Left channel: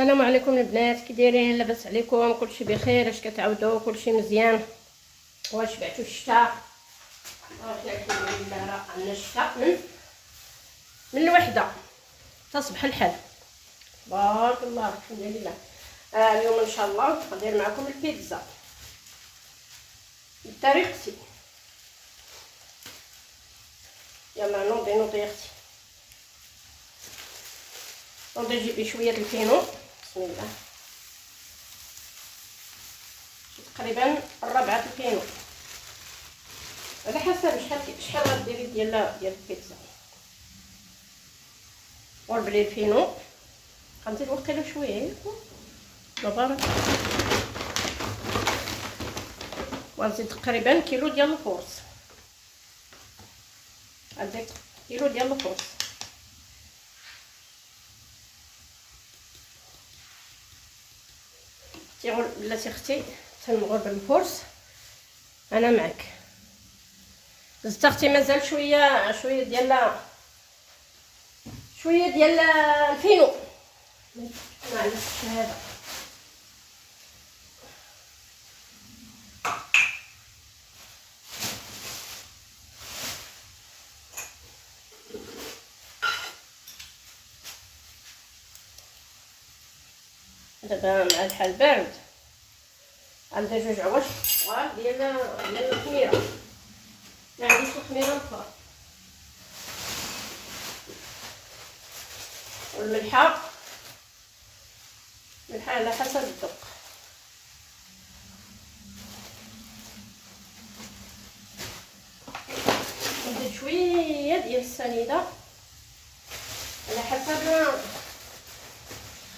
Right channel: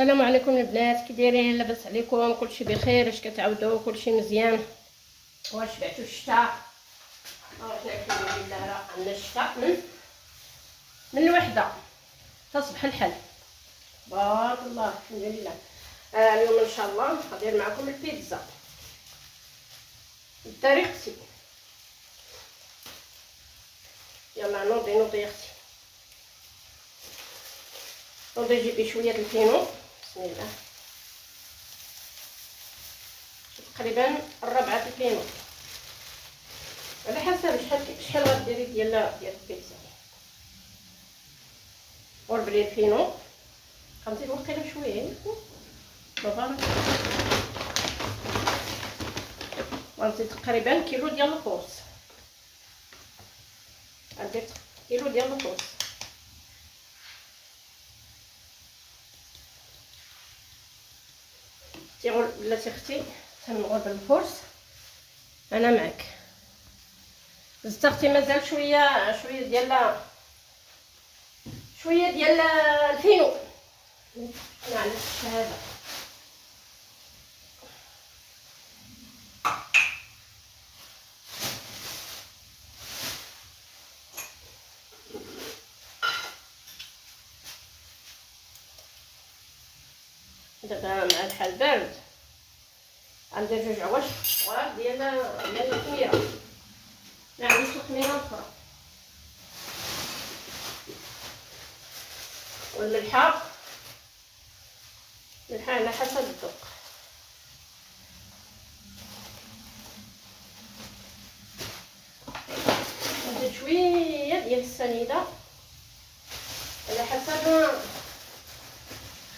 السلام عليكم البنات، كي دايرين؟ لاباس عليكم؟ كلشي بخير؟ اش كتعاودوا؟ كلشي مزيان؟ واش بعتوا الشتاء؟ واش الحمد لله راه عندنا الشتاء من الوحده تصبح الحال. بارك الله، الحمد لله. اليوم ان شاء الله غندير معكم البيتزا بطريقتي. يلا نوضي اختي، نوضي جيبي شويه الفينو. بسم الله. تقريبا ربعة الفينو، على حسب شحال غديري ديال البيتزا. وربلي الفينو غنزيد وقيله شويه مبارك، وغنزيد تقريبا كيلو ديال الخبز. غندير كيلو ديال الخبز. تيغول بلاتي اختي تنمغرب الفرس. انا معك زدت اختي، مازال شويه ديال الفينو. معليش هذا دابا مع الحال بارد. عندي جوج عواش صغار ديال الخميره، ما عنديش الخميره الفار. والملحه على حسب الذوق. ندير شويه ديال السنيده على حسب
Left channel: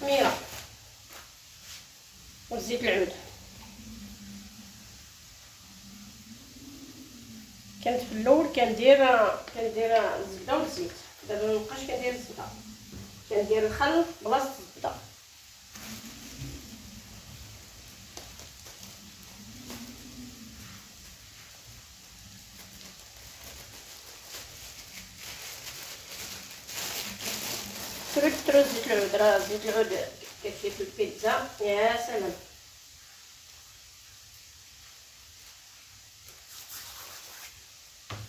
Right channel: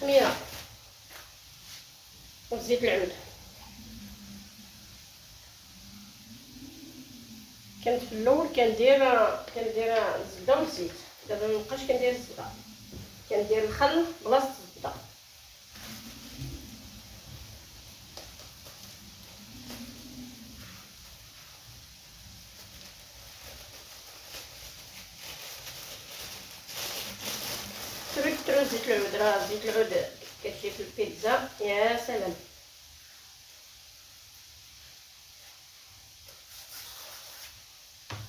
الخميره، وزيت العود. كانت في الاول كندير الزبده والزيت، دابا مابقاش كندير الزبده، كندير الخل بلاصه الزبده. كثروا زيت العود، راه زيت العود كيجي في البيتزا يا سلام.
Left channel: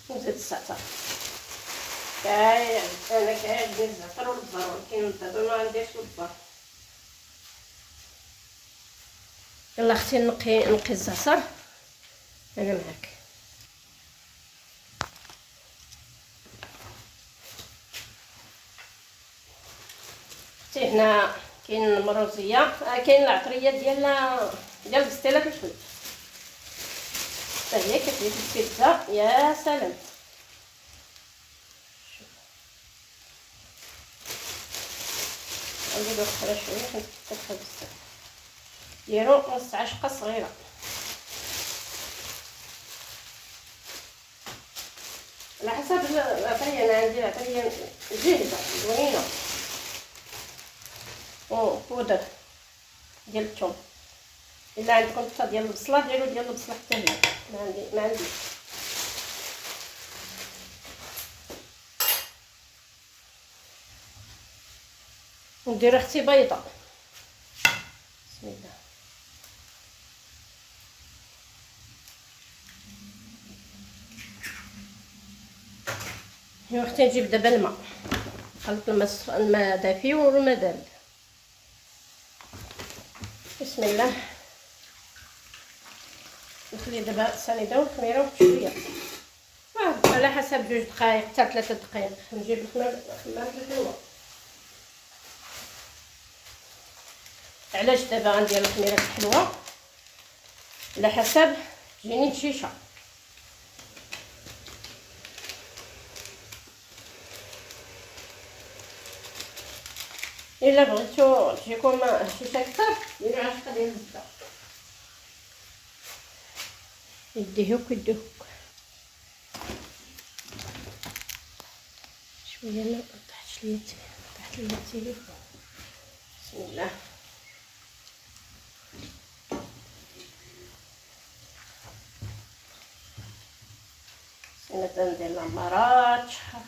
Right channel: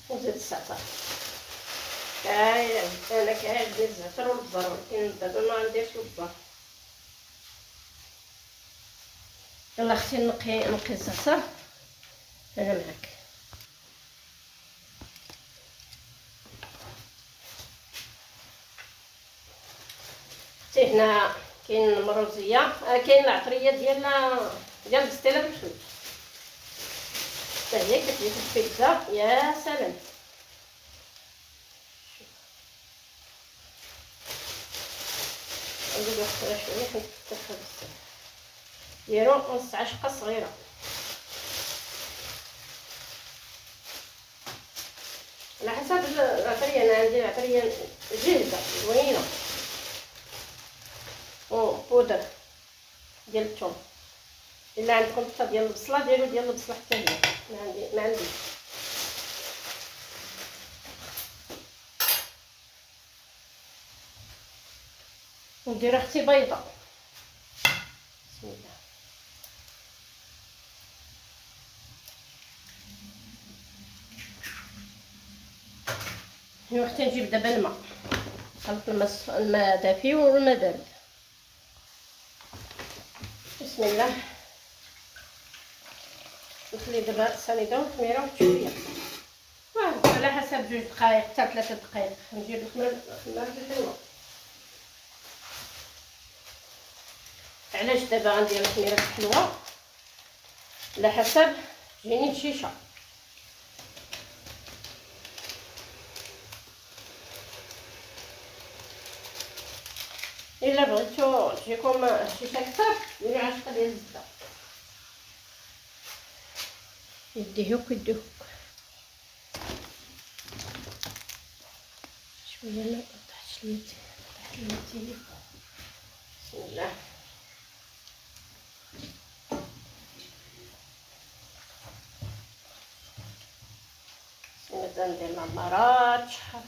وزيت الزعتر، انا كندير الزعتر والبزار، ولكن دابا ما نديرش البزار. يلا اختي نقي الزعتر، انا معاك. اختي هنا كاين المروزيه، كاين العطريه ديال البسطيله بالخليط، حتى هي كتجي في البيتزا يا سلام. نزيدو اخرى شويه حيت كتدخل بزاف. ديرو نص عشقه صغيره. على حسب العطريه، انا عندي عطريه جاهزه زوينه. بودر ديال الثوم، الا عندكم حتى ديال البصله ديروا ديال البصله، حتى هي ما عنديش. وندير اختي بيضه. بسم الله. هنا اختي نجيب دابا الماء، خلط الماء دافي والماء بارد. بسم الله. نخلي دابا السنيده والخميره شويه، على حسب 2 دقائق حتى 3 دقائق. نجيب الخمار بالحلوه. علاش دابا غندير الخميره بالحلوه؟ على حسب جيني الشيشه. الا بغيتو تجيكم الشيشه اكثر ديروا 10 ديال الزبده. يديهوك شويه ما طاحتش ليا بسم الله. مثلا ندير العمارات شحال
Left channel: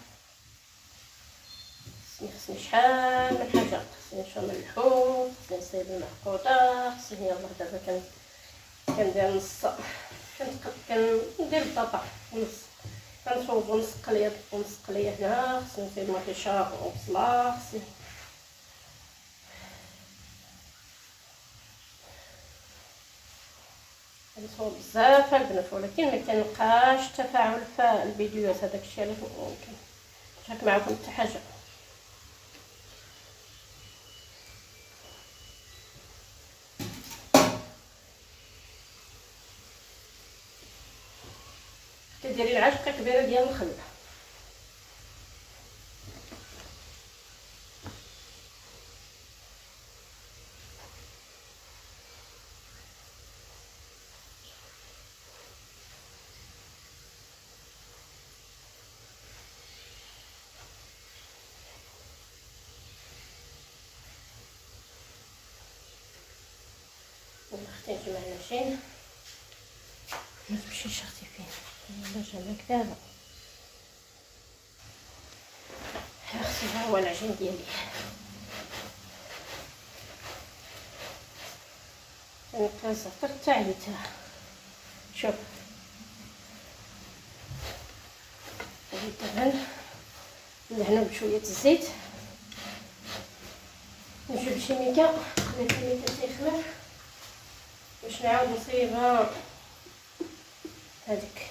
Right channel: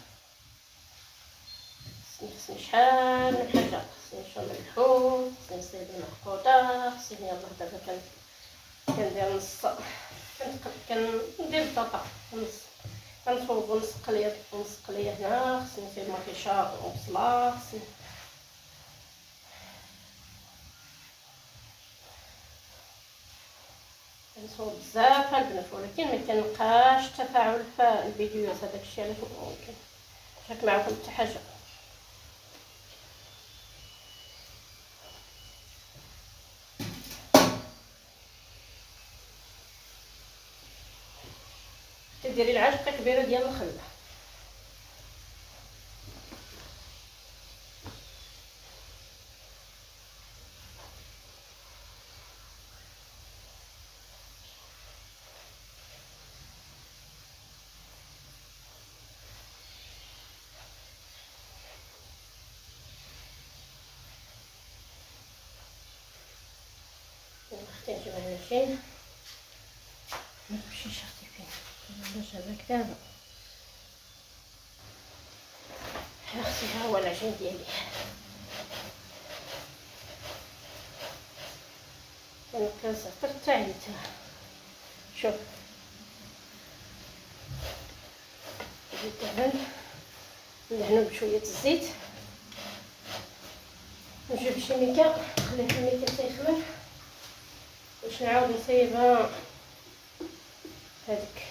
خصني شحال من حاجه، خصني نشوف ملحو، خصني نصايب المعقوده، خصني يلاه دابا كندير نص، كندير البطاطا نص، كنصوب نص قليه ونص قليه هنا، خصني نصايب مطيشه وبصله، خصني كنصوب بزاف البنات، ولكن ما كنلقاش تفاعل في الفيديوهات، هذاك الشيء علاش ممكن نشارك معكم حتى حاجه. كديري العجقه كبيره ديال الخل، اختي نجيبها هنا شين ما تمشيش اختي فين ولا جابك دابا. اختي ها هو العجين ديالي، كنزعتر حتى عييت. شوف جبت الدهن ندهنو بشويه الزيت، نجيب شيميكه نخلي شيميكه تيخمر باش نعاود نصيبها هذيك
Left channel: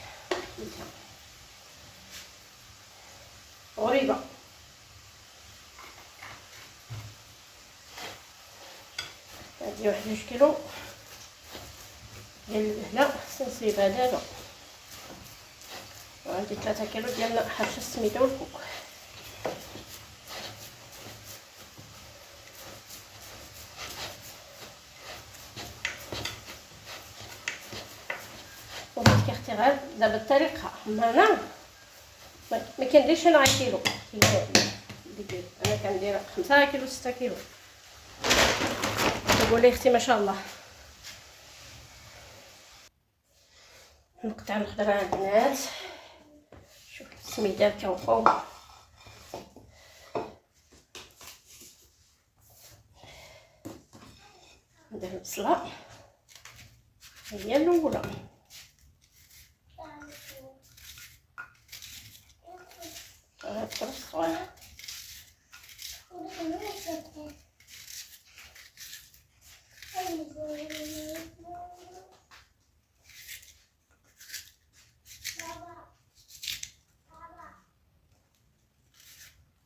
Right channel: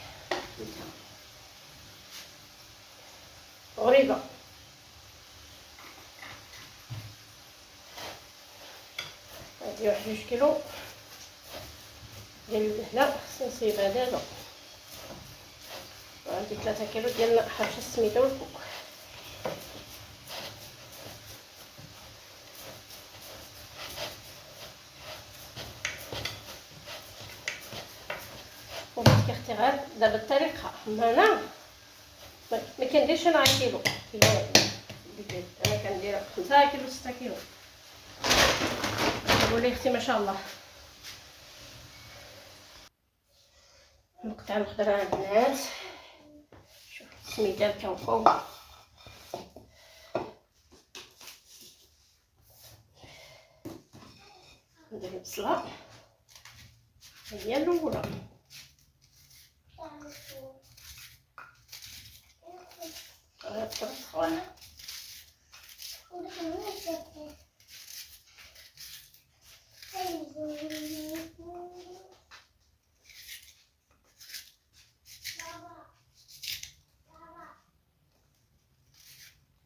غريبه. هادي 1 كيلو ديال الدهنه خصني نصيبها دابا، وعندي 3 كيلو ديال حرش السميده والكوك. وبغيت اختي غير دابا الطريقه انا ما كنديرش انا كيلو، انا كندير 5 كيلو 6 كيلو. قولي اختي ما شاء الله. نقطع الخضره البنات، شوف السميده كنقوم ندير البصله هي الاولى،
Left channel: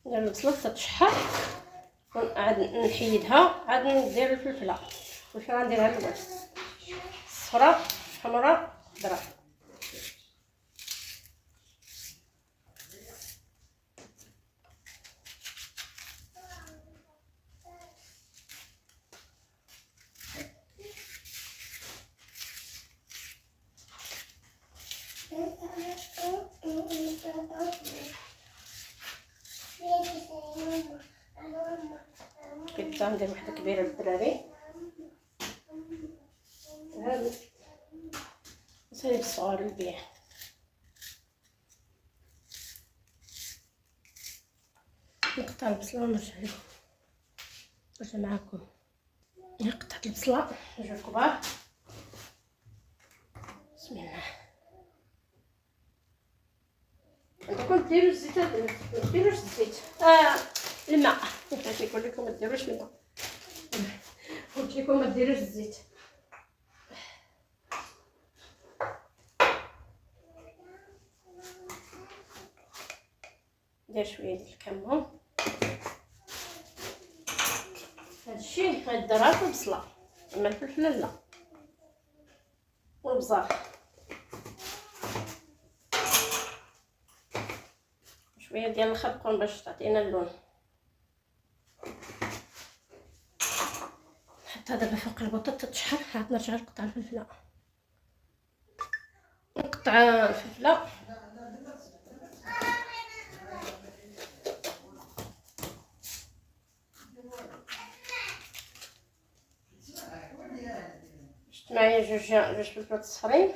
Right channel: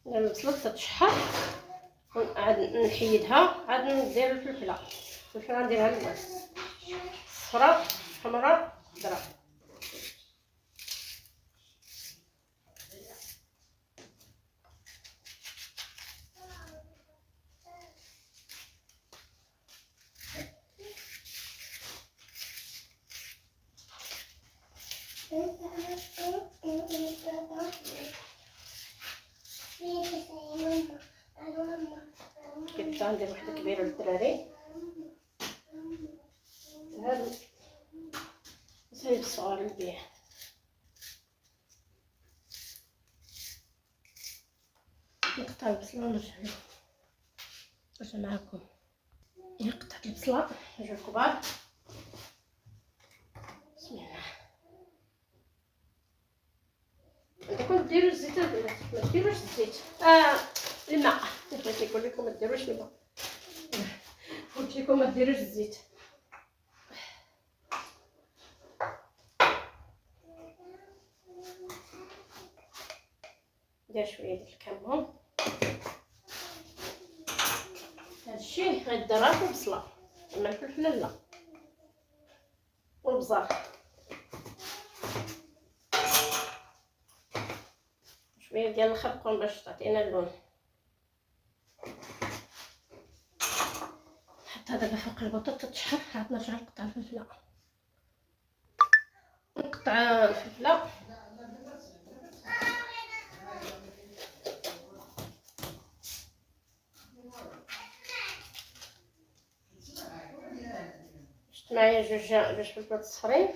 ندير البصله تتشحر ونعاد نحيدها، عاد ندير الفلفله غنديرها البنات صفراء حمراء خضراء. كنت ندير وحده كبيره للدراري، هادو نصايب الصغار البيع. نقطع البصله ونرجع معاكم. قطعت البصله جوج كبار، بسم الله. عندكم ديروا الزيت، ما ديروش الزيت الماء، بغيت نقول لكم ما ديروش الماء، قلت لكم ما ديروش الزيت. ندير شويه ديال الكمون، هادشي غيضرها في البصله، اما الفلفله لا، والبزار شويه ديال الخرقوم باش تعطينا اللون. نحطها دابا فوق البطاطا تشحر، عاد نرجع نقطع الفلفله. نقطع الفلفله شفت معايا جوج فلفلات صفرين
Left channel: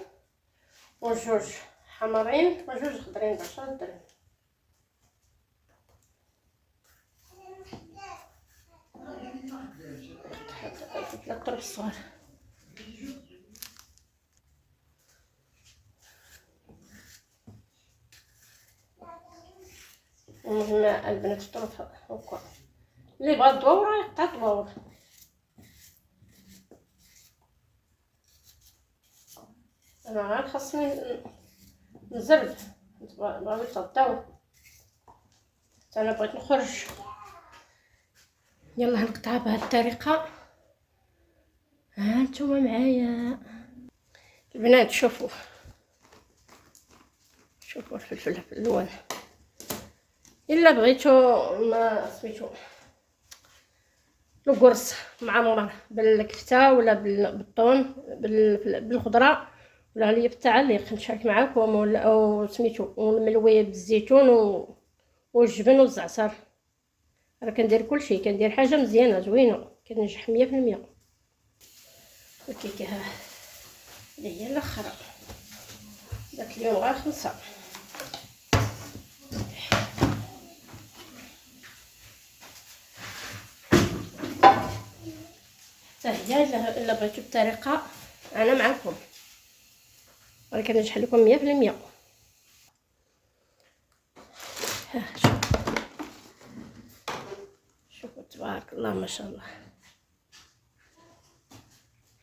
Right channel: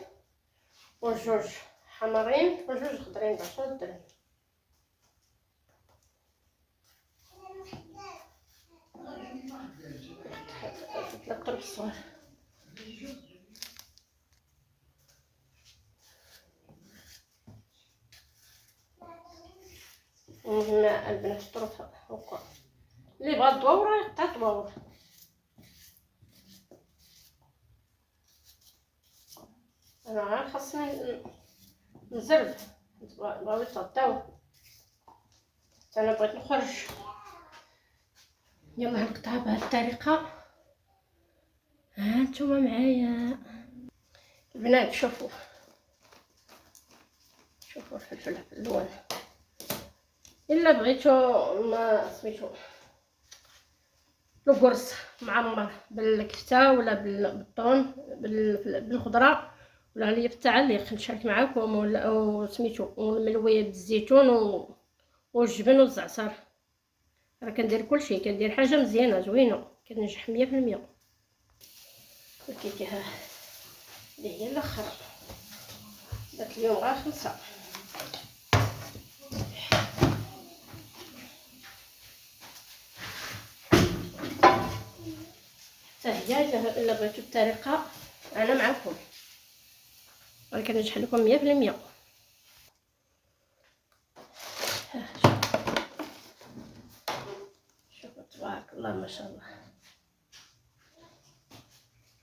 وجوج حمرين وجوج خضرين ب10 درهم. الصغار. المهم البنات الطرف هكا اللي بغا تدور يقطع تدور. انا غير خاصني نزرب بغاو يتغطاو حتى انا بغيت نخرج. يلا نقطعها بهذه الطريقه. ها نتوما معايا البنات، شوفوا الفلفل الالوان. الا بغيتو ما سميتو القرص معمر بالكفته ولا بالطون بالخضره ولا هي بالتعليق نشارك معاكم، ولا او سميتو والملويه بالزيتون والجبن والزعتر. راه كندير كلشي، كندير حاجه مزيانه زوينه كتنجح 100%. الكيكه ها اللي هي الاخرى داك اليوم غير 5. حتى هي الا بغيتو الطريقه انا معكم، راه كنجح لكم 100%. شوفوا تبارك الله ما شاء الله،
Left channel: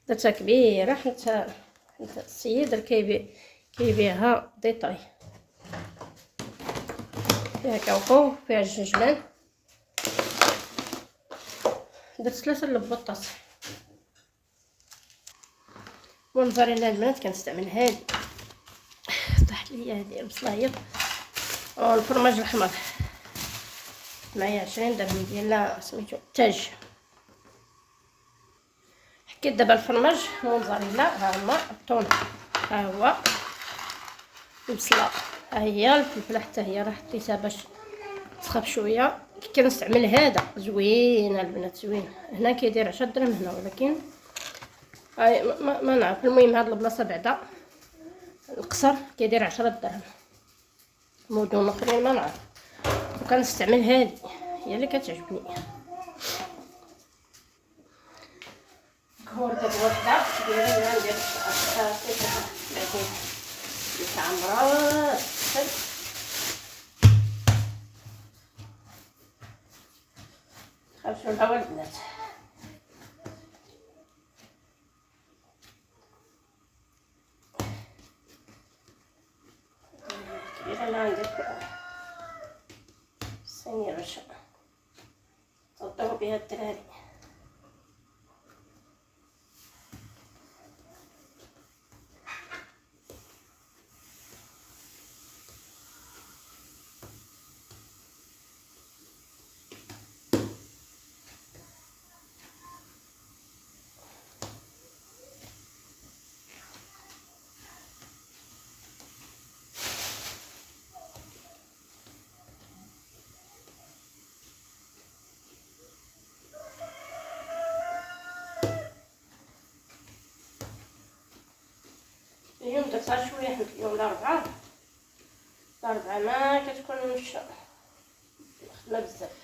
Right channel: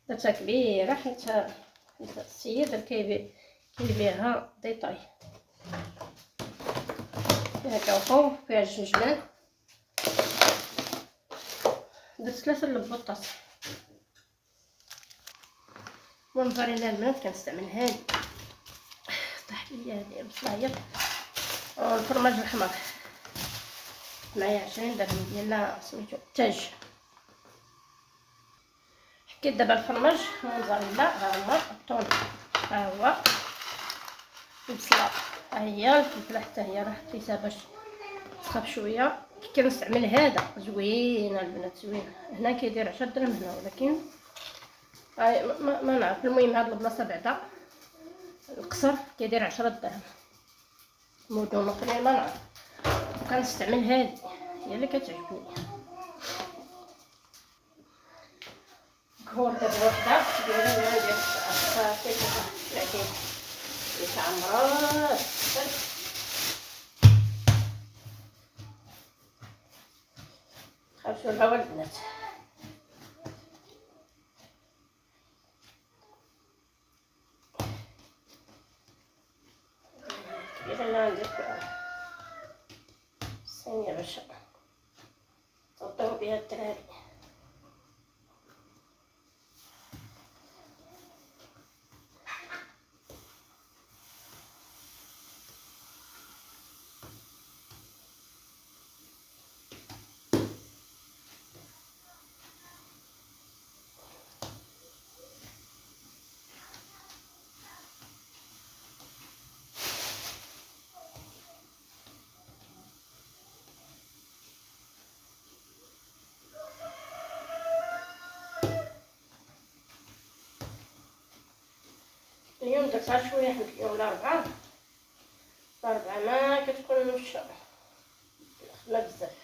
درتها كبيره حتى السيد كيبيعها ديطاي. فيها كاوكاو، فيها الجنجبان، درت 3 البطاط. الموزاريلا البنات كنستعمل هادي، طاحت ليا هادي البصلايه والفرماج الحمر معايا 20 درهم ديال سميتو تاج. حكيت دابا الفرماج الموزاريلا، ها هما الطون، ها هو البصله، ها هي الفلفله حتى هي راه حطيتها باش تخاف شويه. كنستعمل هذا زوينه البنات، زوينه. هنا كيدير 10 درهم هنا، ولكن ما نعرف. المهم هاد البلاصه بعدا القصر كيدير 10 درهم، مدن اخرين ما نعرف. وكنستعمل هادي هي اللي كتعجبني. هو دابا وحده كدير لنا ندير صافي لكن يتعمر خافوا الهوا البنات. كبيره انا ندير صينيه باش تغطيو بها الدراري. اليوم درتها شويه، حيت اليوم الاربعاء ما كتكون الخدمه بزاف.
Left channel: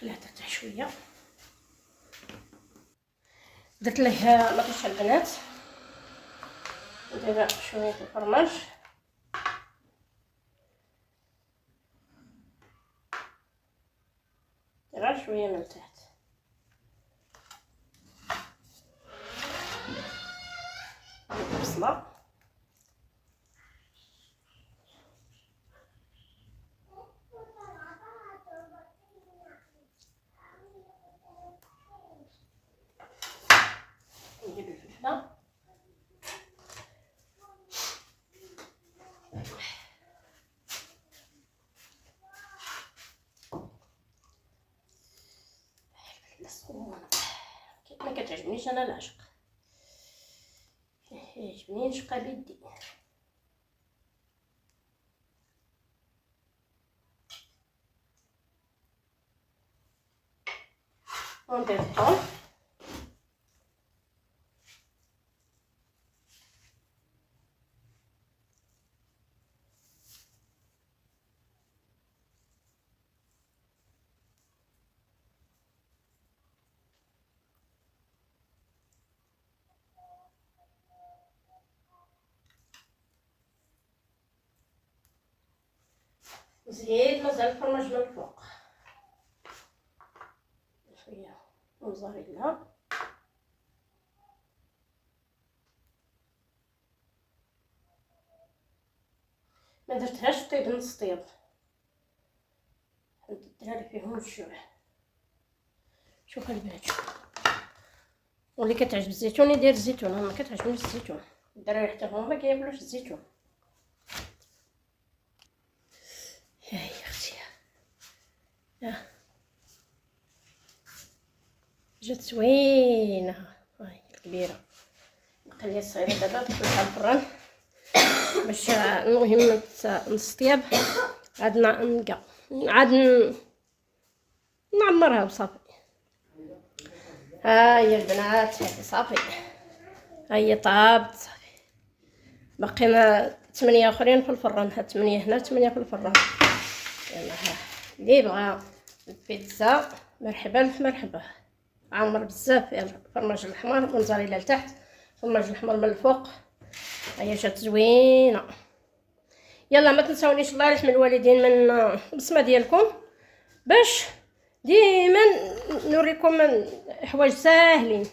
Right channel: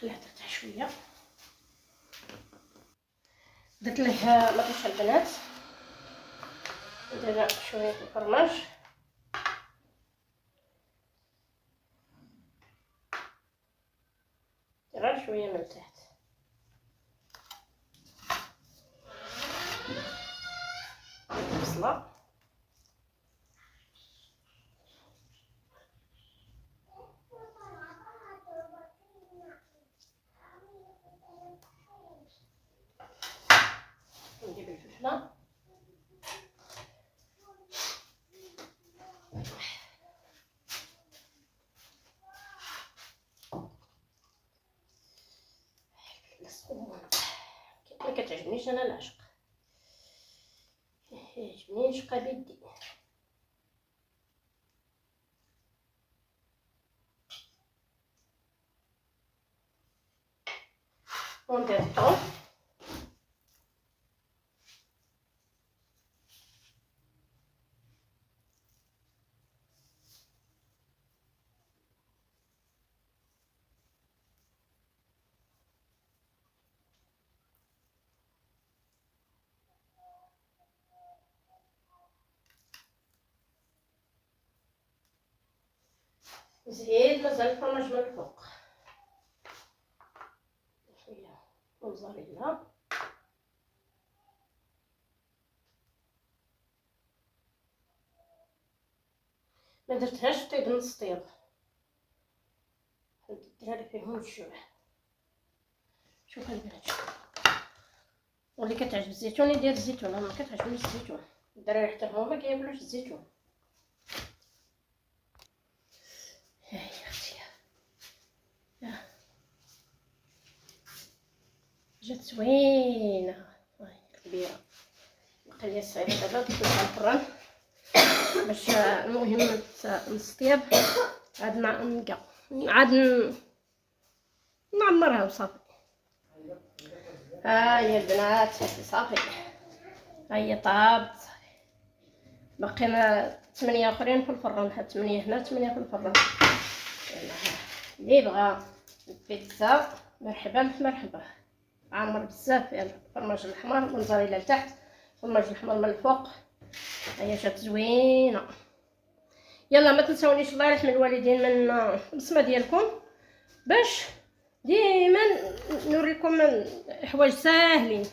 خليها ترتاح شويه. درت لها مطيشه البنات، ندير شويه الفرماج، غير شويه من تحت. البصله ندير الفلفله، ما كتعجبنيش انا العشق، يعجبني نشقى بيدي. وندير الثوم نزيد مازال الفرماج من الفوق شويه موزاريلا ما درتهاش طيب نص طيب الدراري فيهم الجوع. شوف البنات واللي كتعجب الزيتون يدير الزيتون، انا ما كتعجبنيش الزيتون، الدراري حتى هما ما كياكلوش الزيتون. هاي اختي جات زوينه هاي الكبيره، نقليها الصغيره دابا ندخلها الفران باش المهم نص طياب عاد نلقى عاد نعمرها وصافي. ها هي البنات هادي صافي، ها هي طابت صافي، باقينا 8 اخرين في الفران، هاد 8 هنا 8 في الفران. يلا ها اللي بغا البيتزا مرحبا مرحبا، عامر بزاف. يلا الفرماج الاحمر الموزاريلا لتحت، الفرماج الاحمر من الفوق، هي جات زوينه. يلا ما تنساونيش الله يرحم الوالدين من البصمه ديالكم باش ديما نوريكم حوايج ساهلين.